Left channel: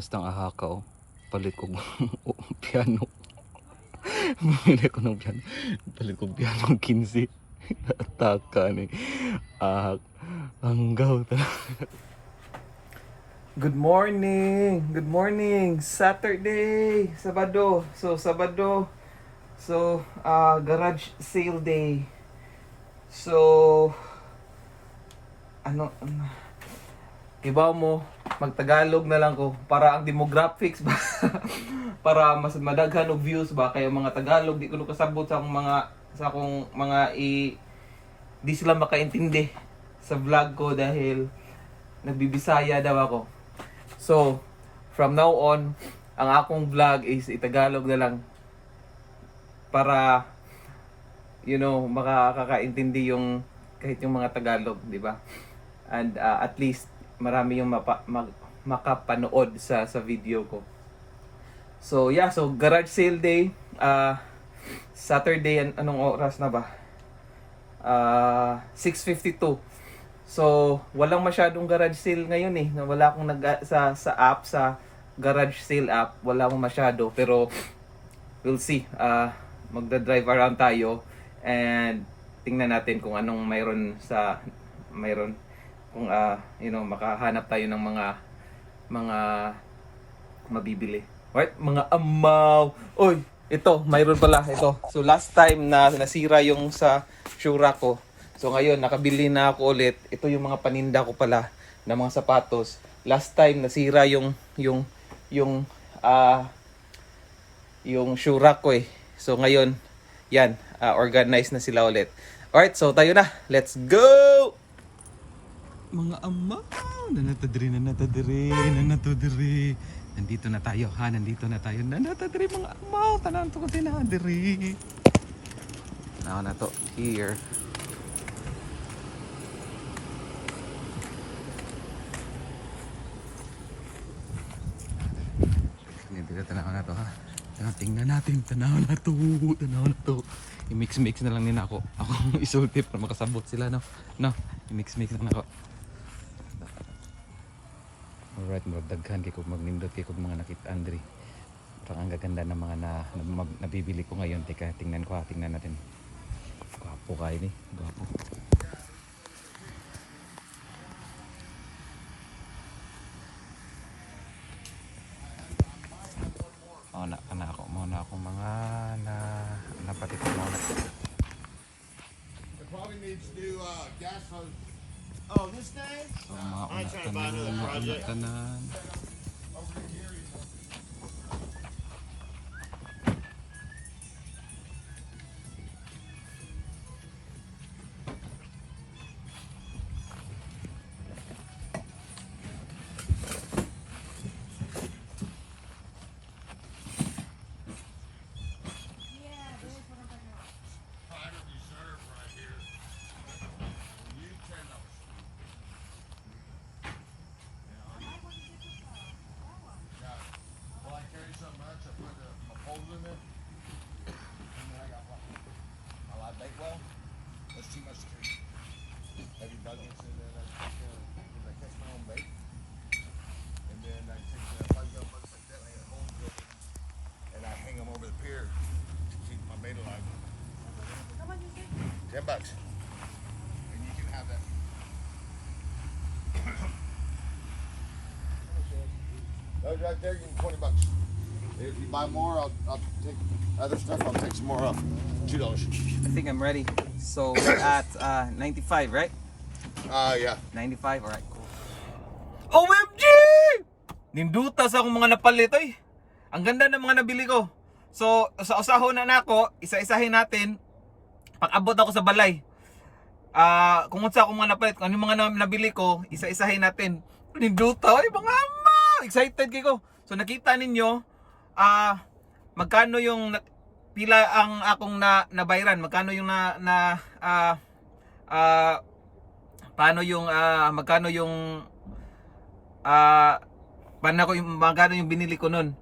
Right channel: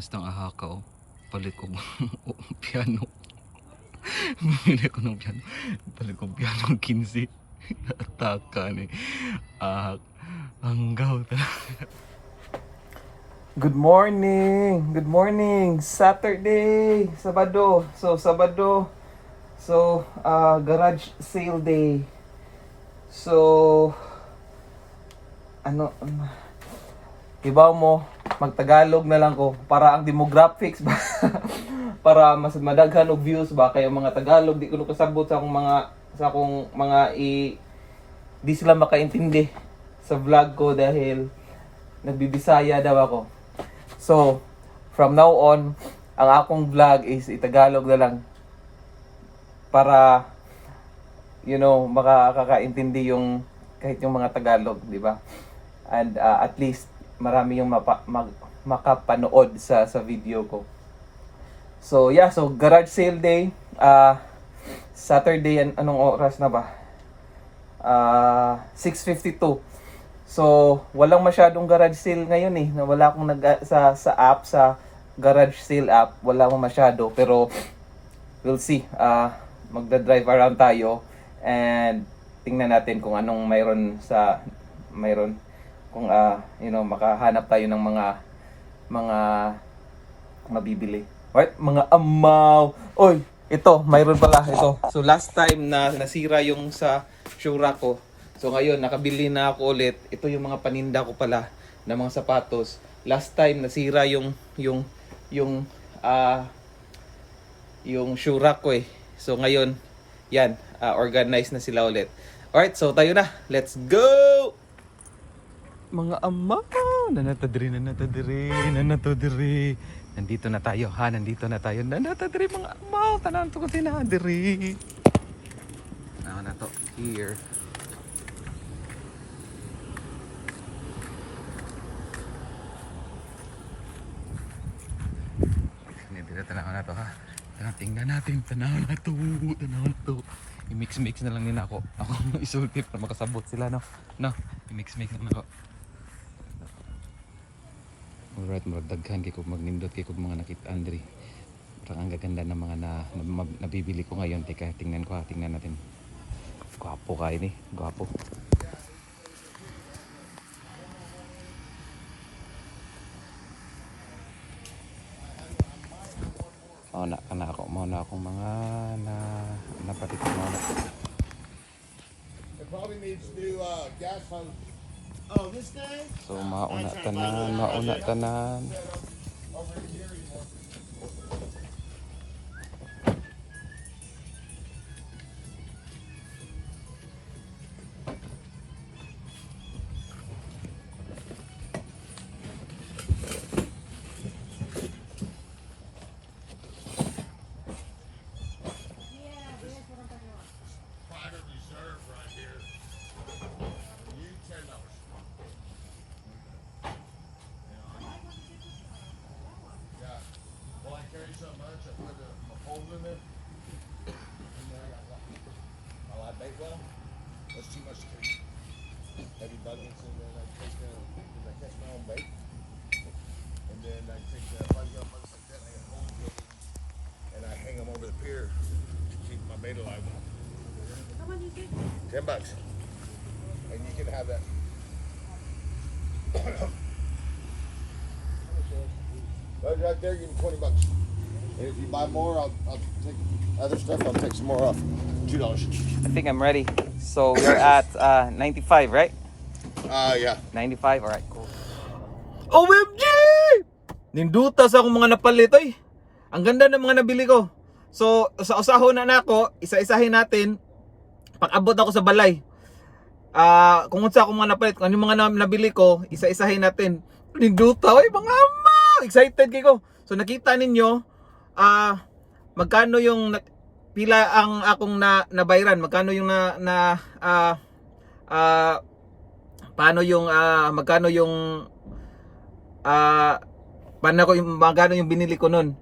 Basta ang ahakaw. Palit ko piano. Bumili ko ng piano. Palit ko piano 15. Ataka ni. Ahak. Hanggaw talaga. Good morning! Good morning! Saturday! Sabado! So, Sabado. So, uh, garage sale day. So, ano, ano, ibaw mo, magtagalog na lang ko para ang demographics ba para mas madaghan og views ba kaya mga tagalog di ko kasabot sa akong mga sa akong mga i di sila makaintindi sa vlog ko dahil nagbibisaya daw ako. So, from now on, ang akong vlog is itagalog na lang para you know, makakakaintindi yung kahit yung mga Tagalog, di ba? And uh, at least marami yung mapa, mag, makapanood sa sa video ko. So, yeah, so garage sale day, uh, Saturday, an- anong oras na ba? Uh, 6.52. So, walang masyadong garage sale ngayon eh. Wala akong nag sa sa app sa garage sale app, wala akong masyado pero we'll see. Ah, magda-drive around tayo and tingnan natin kung anong mayroon sa mayroon kung ah, you know, makahanap tayo ng mga mga mabibili. Right? Mga amaw. Oy, ito, mayroon pala ito. So last time na nasira yung sa Shura ko. So ngayon nakabili na ako ulit. Ito yung mga paninda ko pala na mga sapatos. Last time nasira yung yung yung ah yung Shura ko eh. So ngayon, yan, ah, organized na sila ulit. Alright, so tayo na. Let's go! Mga ama, nanatadiri, nanatadiri, nanatadiri. Nandito na tayo, ha? Nandito na tayo. Nanatadiri, mga ama. Tanan ko tinadiri. Ako na to. Here. Nandito tanaw na to, ha? Tanaw, tingnan natin. Tanaw na to. Tanaw na to. I-mix-mix na lang din ako. Ako isulti para makasabot sila, no? No, i-mix-mix na lang ako. Alright, mga daghan kay kog magnindot kay kog mga nakita Andre. Parang ang gaganda ng mga na, na, mag- nabibili ko ngayon. Teka, tingnan ko ha, tingnan natin. Gwapo kayo ni, gwapo. Mao na kana ako, mao na ako mga na napatik na. It probably needs new uh, gas hose. Oh? So mauna tanan, mauna tanan. My poles in it. And then oh, I got what? A lot bait well. That's too much to carry. Heavy buckets and I take the, cause I catch my own bait. And then I take the bug up buckets like that, and I got holes in it. And I hang them over the pier to keep my bait alive. Ten bucks. And you can have that. right, right there, you can twenty bucks. If you buy more, I'll, I'll take other stuff. I'll take some more off. Two dollars. I think I'm ready. So we're at uh, 95, right? Uh, yeah. 95, alright, cool. OMG! Ninduta sa akong mga napalit, oy. Ang ganda ng mga nabili ko. So, sa usahon na nako, isa-isahin natin. Pag abot ako sa balay. Ah, kung unsa akong mga napalit, kung ano yung mga na- nabili ko, isa-isahin natin. Ninduta, oy, mga ama! Excited kay ko. So, nakita ninyo, ah, magkano yung pila ang akong na nabayran, magkano yung na na ah ah paano yung ah magkano yung ah paano ko yung magkano yung binili ko nun.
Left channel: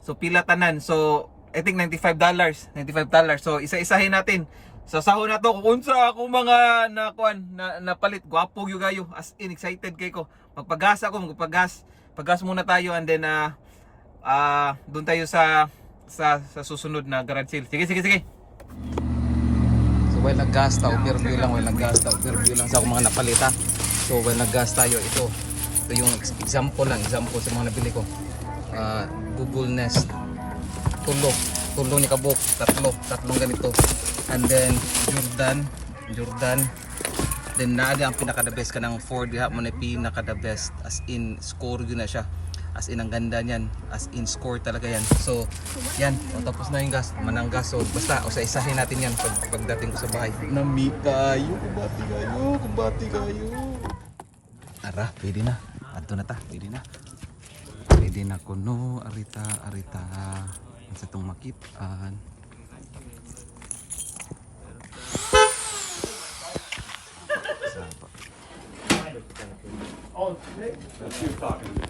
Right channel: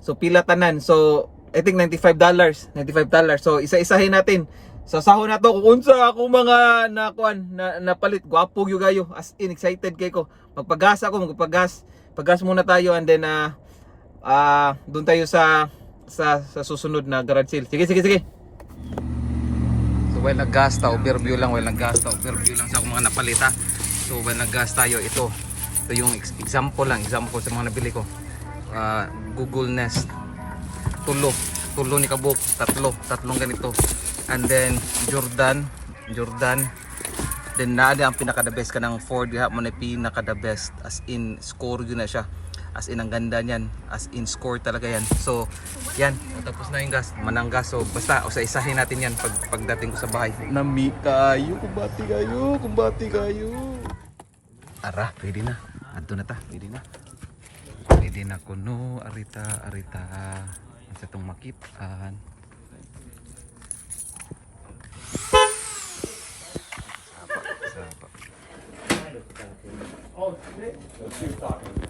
So pila tanan. So I think 95 dollars, 95 dollars. So isa-isahin natin. Sa sahon na to kung unsa ako mga nakuan na napalit gwapo gyud kayo as in excited kay ko. Magpagasa ako, magpagas Paggas muna tayo and then ah ah doon tayo sa sa sa susunod na garage sale. Sige, sige, sige. So while nag-gas ta, overview lang, while nag-gas ta, overview lang sa akong mga napalita. So while nag-gas tayo, ito, ito yung ex- example lang, example sa mga nabili ko. Ah, Google Nest, tulo, tulo ni Kabuk, tatlo, tatlong ganito. And then Jordan, Jordan, then na ang pinaka the best ka ng Ford. Diha mo na pinaka the best. As in score yun na siya as in ang ganda niyan. As in score talaga yan. So yan. O tapos na yung gas manang gas so basta o sa isahin natin yan pag pagdating ko sa bahay. Nami kayo kumbati kayo kumbati kayo. Ara pwede na. Adto na ta pwede na. Pwede na kuno arita arita. Sa itong makitaan. Sapa. Billy,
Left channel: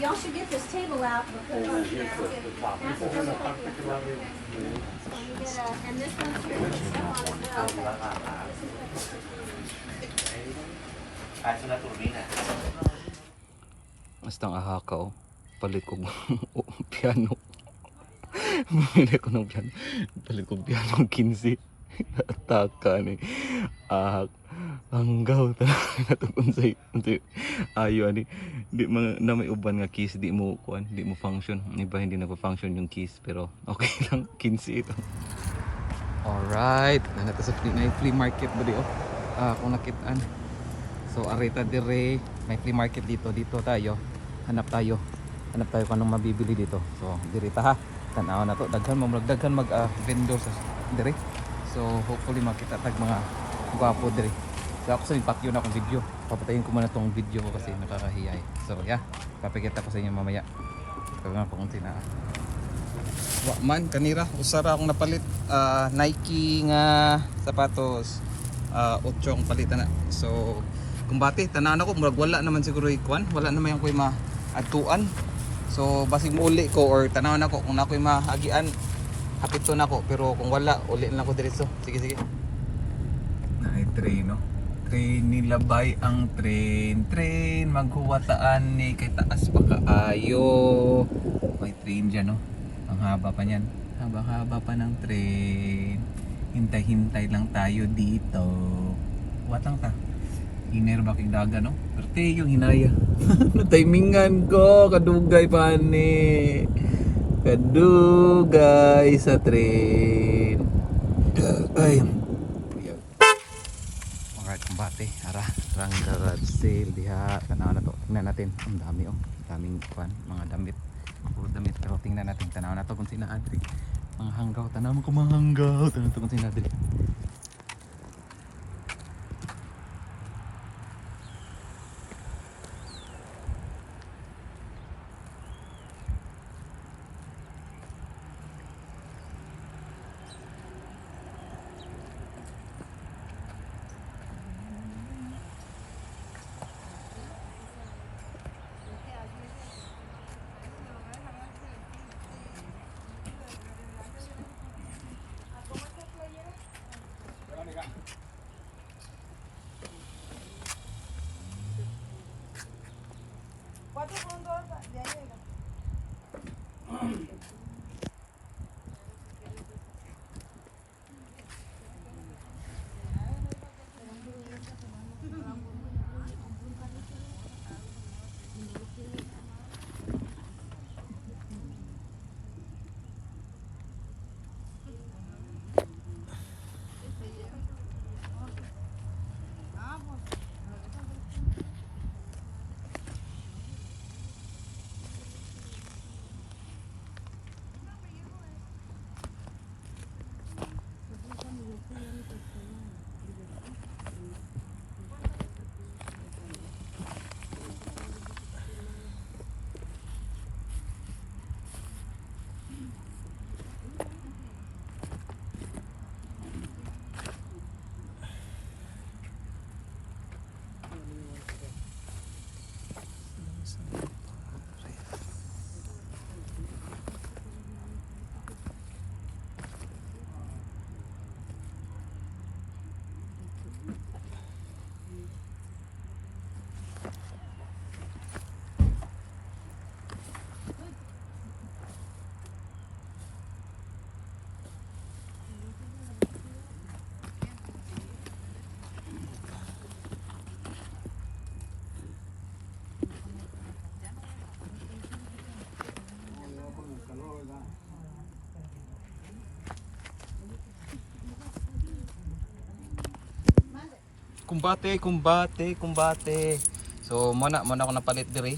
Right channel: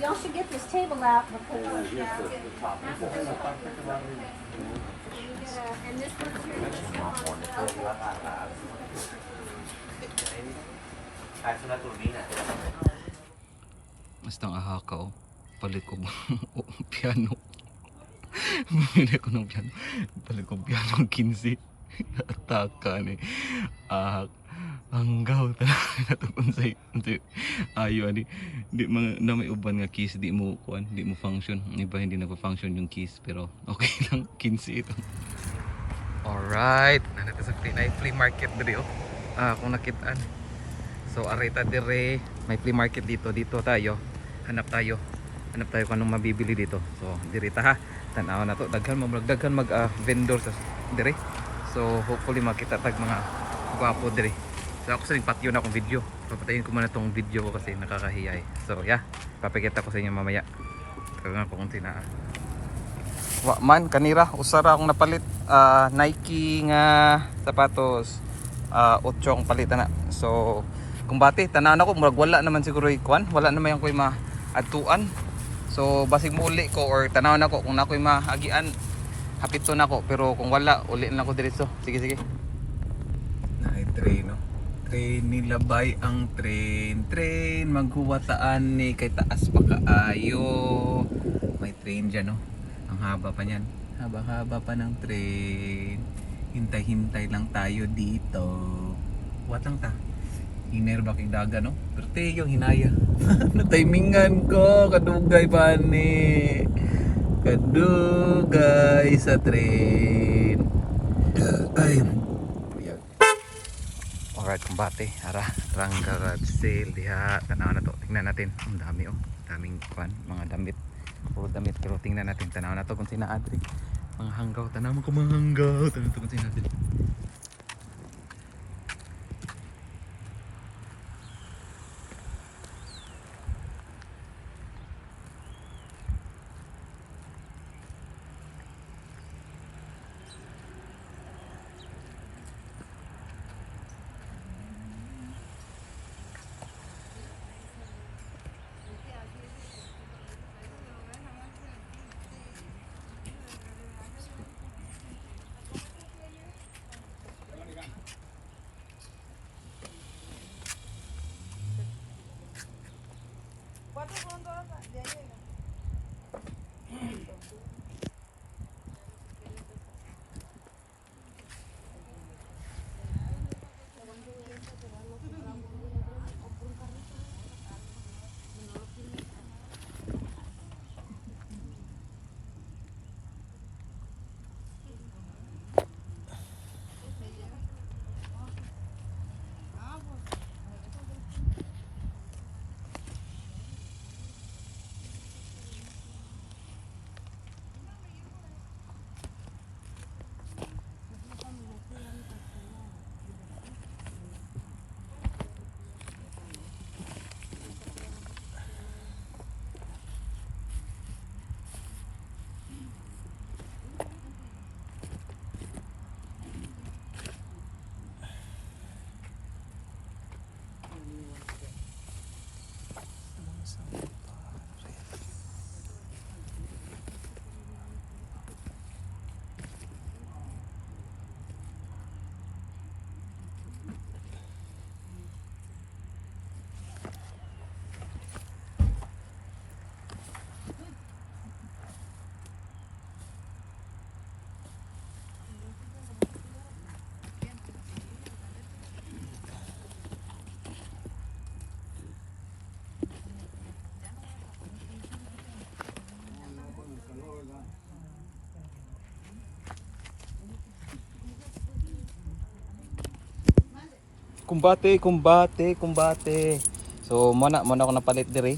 Y'all should get this table out. and put it on there. Pass it over. And you get a- and this one's here. Basta ang ahakaw, palit ko piano. Bumili ko ng piano. Palit ko piano 15. Ataka ni. Ah, hanggaw talaga na unsay unsay ayo ani di mga na may uban nga keys di mo kuan di mo function iba hindi na function yung keys pero okay lang 15 ito Alright, nanata sa flea, na flea market diri oh. Ah, kung nakitaan. So arita dire, may flea market dito, dito tayo. Hanap tayo. Hanap tayo kung anong mabibili dito. So diri ta ha. Tanaw na to, daghan mo daghan mag ah, vendor sa dire. So hopefully makita tag mga gwapo dire. So ako sa patio na akong video. Papatayin ko muna tong video ko kasi nakakahiya eh. So yeah, papakita ko sa inyo mamaya. Kaya nga kung sina wa man kanira usara akong napalit. Ah, Nike nga sapatos. Ah otso ang palitan na so kung bati tanan ako murag wala naman siguro ikuan wala naman yung koy maadtuan. So basig mo uli ko or tanaw na ko kung nakoy maagian hapito na ko pero kung wala uli na ako diretso. Sige sige. Na train no train nilabay ang train. Train maghuwataan ni kay taas pa kaayo may train dyan no? Ang haba pa niyan. Haba haba pa ng train. Hintay hintay lang tayo dito. Wat lang ta. Iner ba kay daga no? Pero te yung hinaya. Timingan ko? Kadugay pa ni. Kadugay sa train. Ay Kumbate. Ara, rang garage sale diha. Tanaw na to. Tingnan natin. Ang dami oh. Daming kwan, mga damit. Puro damit. Pero tingnan natin. Tanaw na to kung sina Adri. Mga hanggaw. Tanaw mo kung mga hanggaw. Tanaw to kung sina Kumbate, kumbate, kumbate. So, muna, muna ako napalit diri.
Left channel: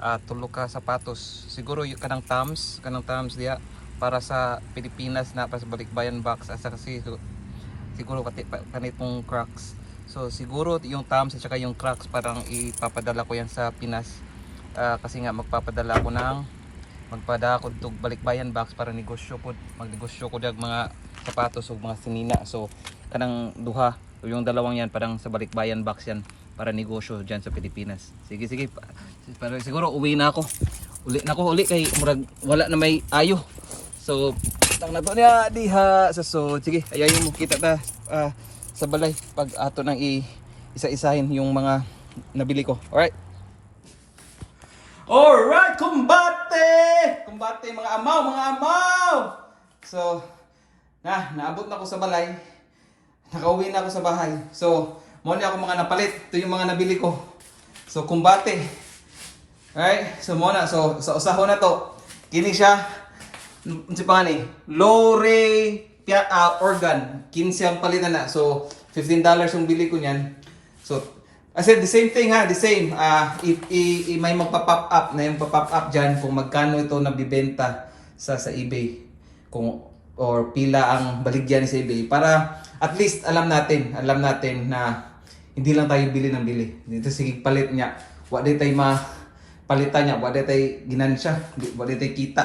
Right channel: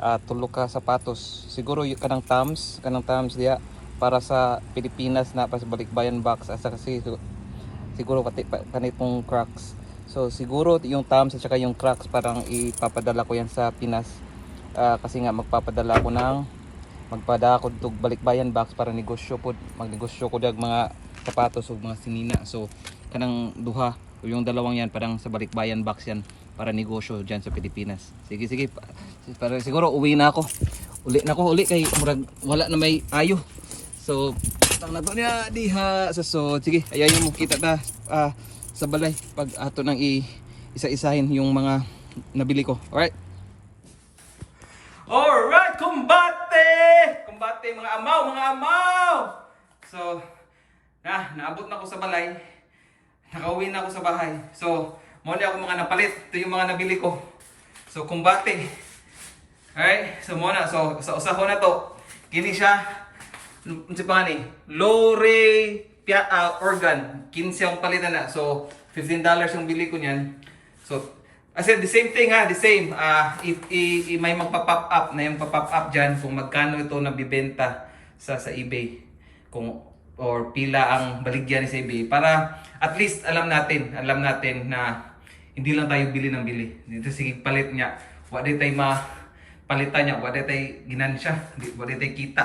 Ah, tulo ka sapatos. Siguro kanang thumbs, kanang thumbs diya para sa Pilipinas na para sa balikbayan box asa kasi siguro, siguro pati pa, kanitong cracks. So siguro yung thumbs at saka yung cracks parang ipapadala ko yan sa Pinas. Ah, kasi nga magpapadala ako ng magpada ako tug balikbayan box para negosyo pod magnegosyo ko dag mga sapatos ug mga sinina so kanang duha yung dalawang yan parang sa balikbayan box yan para negosyo diyan sa Pilipinas. Sige sige. Pa, para siguro uwi na ako. Uli na ako uli kay murag wala na may ayo. So tawag na to niya diha sa so sige ayayin mo kita ta ah, sa balay. Pag ato nang i isa-isahin yung mga nabili ko. Alright? Alright, kumbate! Kumbate mga amaw, mga amaw! So, na, naabot na ako sa balay. Nakauwi na ako sa bahay. So, muna ako mga napalit. Ito yung mga nabili ko. So, kumbate. Alright, so muna. So, sa usaho na to. Kini siya. Ano si pa ni? Lore pia, ah, organ. 15 ang palitan na. So, $15 yung bili ko niyan. So, I said the same thing ha, the same. Ah, i, i, i- may magpa-pop up na yung pa-pop up diyan kung magkano ito nabibenta sa sa eBay. Kung or pila ang baligyan sa eBay para at least alam natin, alam natin na hindi lang tayo bili ng bili. Dito sige palit niya. Wa di tayo ma palitan niya, wa di tayo ginansya, wa di tayo kita.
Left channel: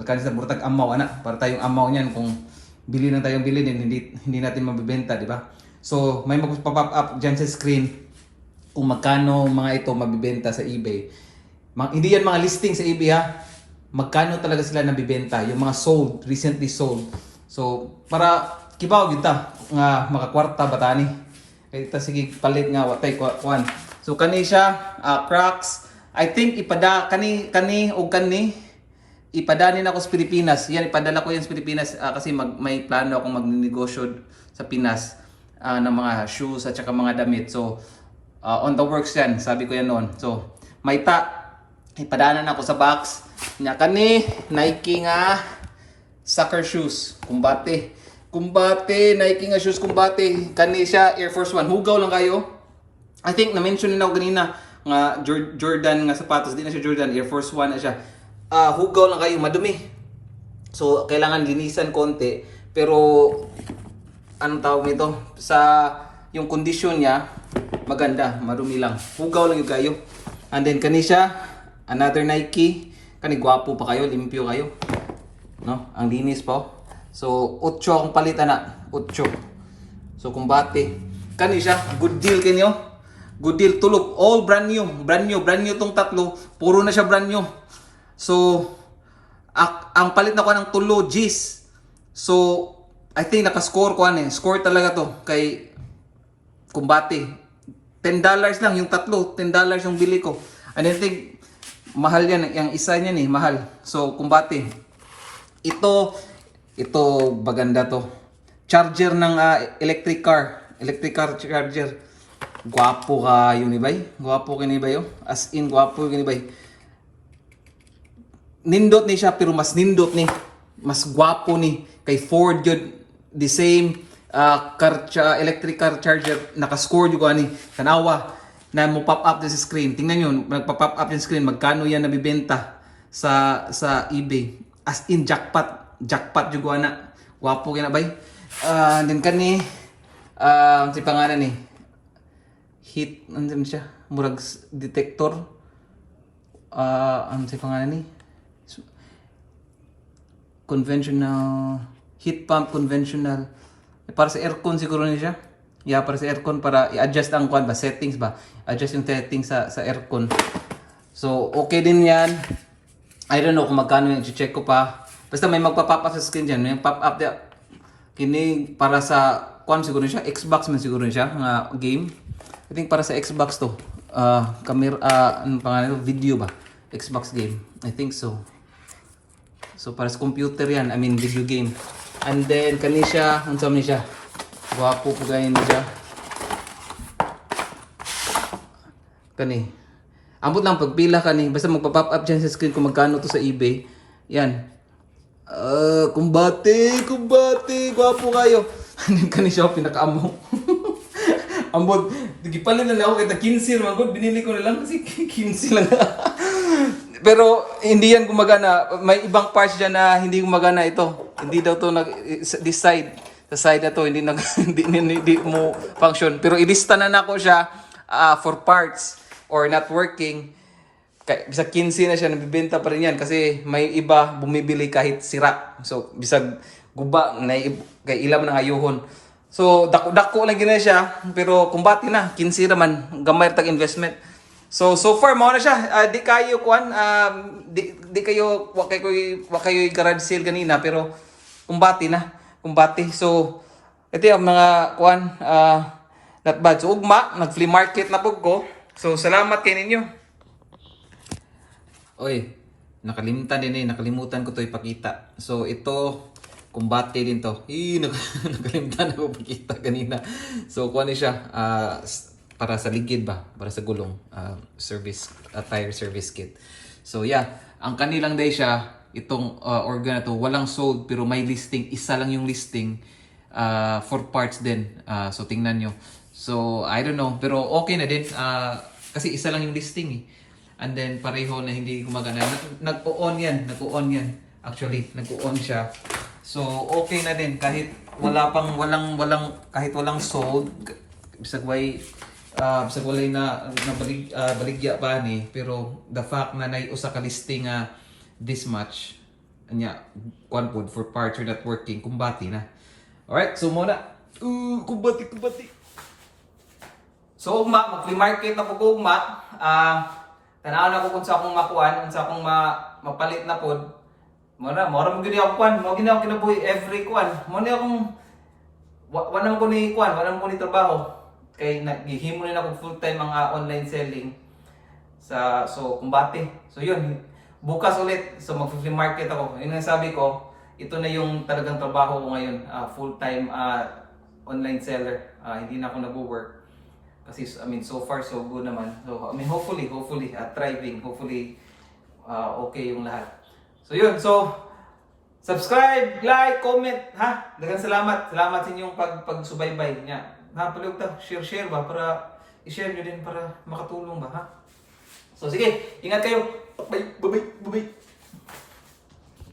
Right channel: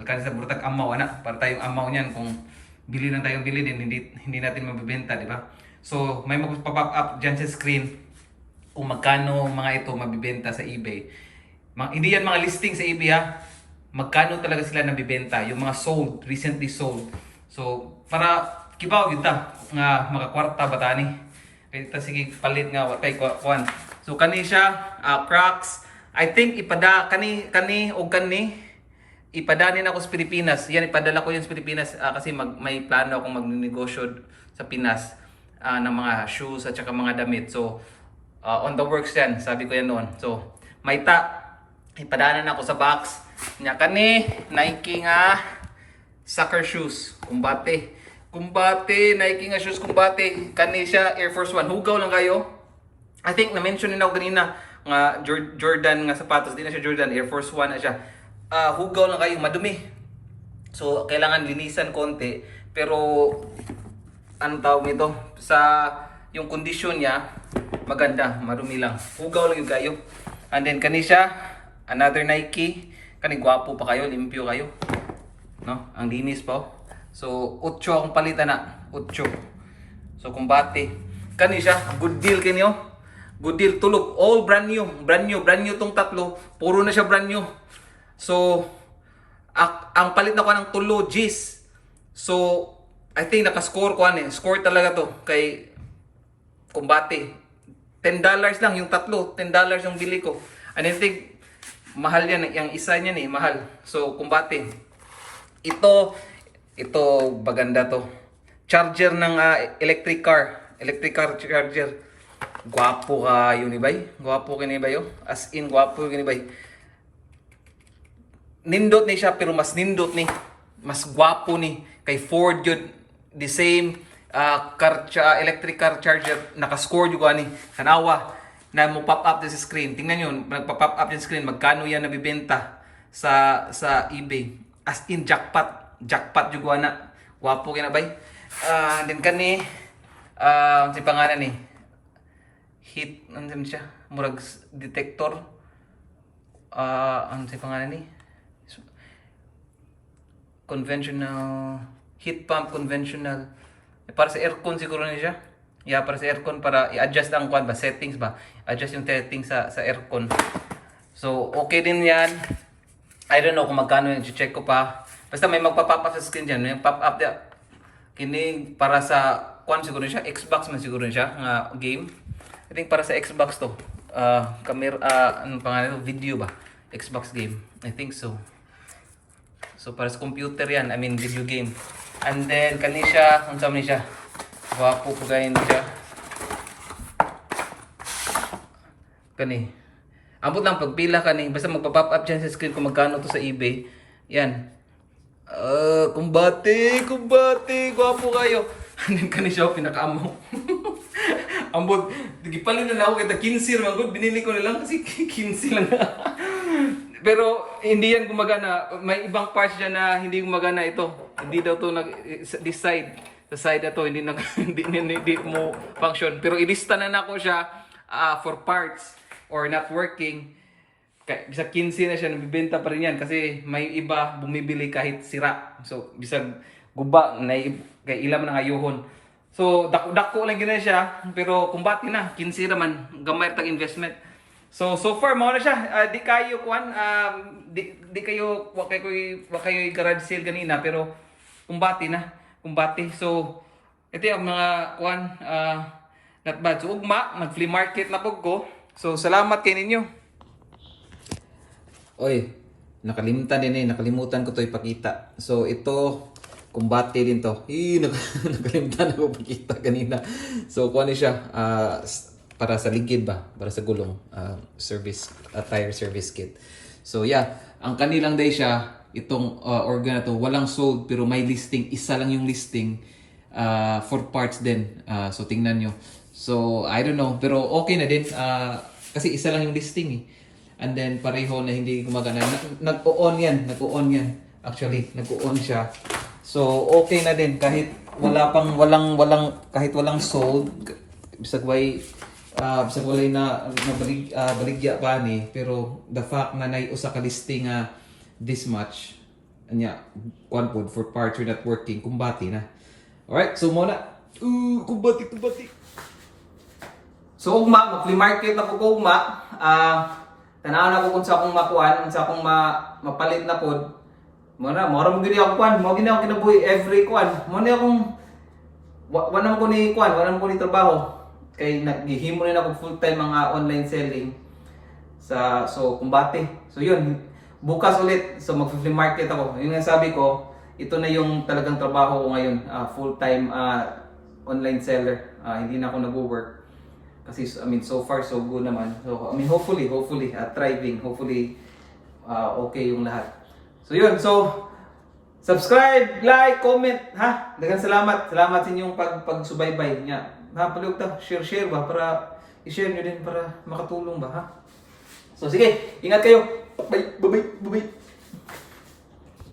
Alkan sa burtag amaw ana, para tayong amaw niyan kung bili lang tayong bili din hindi hindi natin mabebenta, di ba? So, may magpa-pop up diyan sa screen kung magkano mga ito mabibenta sa eBay. Ma- hindi yan mga listing sa eBay ha. Magkano talaga sila nabibenta, yung mga sold, recently sold. So, para kibaw yun ta, nga makakwarta ba tani. Kaya ito sige palit nga watay kwan. So kani siya, ah, Crocs. I think ipada kani kani o kani ipadanin ako sa Pilipinas. Yan ipadala ko yan sa Pilipinas ah, kasi mag, may plano akong magnegosyo sa Pinas ah, ng mga shoes at saka mga damit. So uh, on the works yan, sabi ko yan noon. So, may ta, ipadanan ako sa box. Nya kani, Nike nga soccer shoes, kumbate. Kumbate, Nike nga shoes, kumbate. Kani siya, Air Force One. Hugaw lang kayo. I think na-mention din ako kanina nga Jor- Jordan nga sapatos. Di na siya Jordan, Air Force One na siya. Ah, hugaw lang kayo, madumi. So, kailangan linisan konti. Pero, anong tawag nito? Sa yung kondisyon niya, maganda, marumi lang. Hugaw lang yung kayo. And then kani siya, another Nike. Kani gwapo pa kayo, limpyo kayo. No? Ang linis pa. oh. So, 8 akong palitan na. 8. So, kumbate. Kani siya, good deal kanyo. Good deal, tulog. All brand new. Brand new. Brand new tong tatlo. Puro na siya brand new. So, ak- ang palit na ko ng tulo, G's. So, I think nakascore ko ano eh. Score talaga to kay Kumbate. $10 lang yung tatlo. $10 yung bili ko. And I think mahal yan. Yung isa niyan eh, mahal. So, Kumbate. Ito, ito baganda to. Charger ng ah, electric car. Electric car charger. Gwapo ka yun ibay. Gwapo ka ni ibay oh. As in, gwapo ka ni ibay nindot ni siya pero mas nindot ni mas gwapo ni kay Ford yun the same uh, car cha- electric car charger naka-score yung ani tanawa na mo pop up din sa screen tingnan yun nagpa-pop up yung screen magkano yan nabibenta sa sa eBay as in jackpot jackpot yung ana gwapo kina bay. Uh, then kani uh, si pangalan ni. Hit ano siya. Murag detector. Ah ano si pangalan ni? Conventional heat pump conventional. Eh, para sa aircon siguro ni siya. Yeah para sa aircon para i-adjust ang kwan ba? Settings ba? Adjust yung settings sa sa aircon. So okay din yan. I don't know kung magkano yung check ko pa basta may magpa-pop up sa screen dyan may pop up dia kini para sa kwan siguro siya Xbox man siguro siya nga game I think para sa Xbox to uh, camera uh, ano ito video ba Xbox game I think so So para sa computer yan, I mean video game. And then kani siya, man ni siya? Gwapo po gayon siya. Kani. Ambot lang pagpila kani, basta magpa-pop up dyan sa screen kung magkano to sa eBay. Yan. Uh, kumbate, kumbate, gwapo kayo. And then kani siya pinakaamo. Ambot, gipalit na lang ako kita 15 naman good, binili ko na lang kasi 15 lang. Pero hindi yan gumagana. May ibang parts dyan na hindi gumagana ito. Hindi daw to nag this side. Sa side na to hindi nag hindi, hindi, hindi mo function. Pero ilista na na ko siya ah, for parts or not working. Kay, bisag 15 na siya, nabibenta pa rin yan kasi may iba bumibili kahit sira. So, bisag guba, na, kay ilam ng ayuhon. So, dako-dako lang gina siya, pero kumbati na, 15 naman, gamay tag investment. So, so far, mo na siya. Ah, di kayo, kuan, um, di, di kayo, wa kayo, wa kayo garage sale kanina, pero kumbati na, kumbati. So, ito yung mga, kuan, ah, not bad. So, ugma, nag-flea market na po ko. So, salamat kay ninyo. Oy, nakalimutan din eh. Nakalimutan ko to ipakita. So, ito, kumbate din to. Eh, nak- nakalimutan ako pakita kanina. So, kuha ni siya. s- para sa ligid ba? Para sa gulong. ah, service, ah, tire service kit. So, yeah. Ang kanilang day siya, itong ah, organ na to, walang sold pero may listing. Isa lang yung listing. ah, for parts din. Ah, so, tingnan nyo. So, I don't know. Pero okay na din. ah, kasi isa lang yung listing eh. And then pareho na hindi gumagana. Nag- Nag-on yan. Nag-on yan. Actually, nag-on siya. So, okay na din. Kahit wala pang, walang, walang, kahit walang sold, bisag way, uh, bisag walay na, na balig, ah, baligya pa ni. Pero the fact na nay usa ka listing nga this much, anya, one food for parts are not working, kumbati na. Alright, so muna. Uh, kumbati, kumbati. So ugma, mag-flea market na po ko ugma. Ah, tanaw na ko kung sa akong makuan, kung sa akong ma mapalit na pod. Mo na, mo gini ako kuan, mo gini ako kinabuhi every kuan. Mo ni akong wa, ko ni kuan, wa naman ko ni trabaho. Kay naghihimo na ako full time mga online selling sa so kumbate. So yun, bukas ulit so mag-flea market ako. Yun nga sabi ko, ito na yung talagang trabaho ko ngayon, ah, full time online seller. Ah, hindi na ako nagwo-work. Kasi I mean so far so good naman. So I mean hopefully hopefully uh, thriving, hopefully uh, okay yung lahat. So yun, so subscribe, like, comment, ha? Dagan salamat. Salamat sa inyong pag pagsubaybay nga. Ha, palihog ta, share share ba para i-share nyo din para makatulong ba, ha? So sige, ingat kayo. Bye, bye, bye, bye.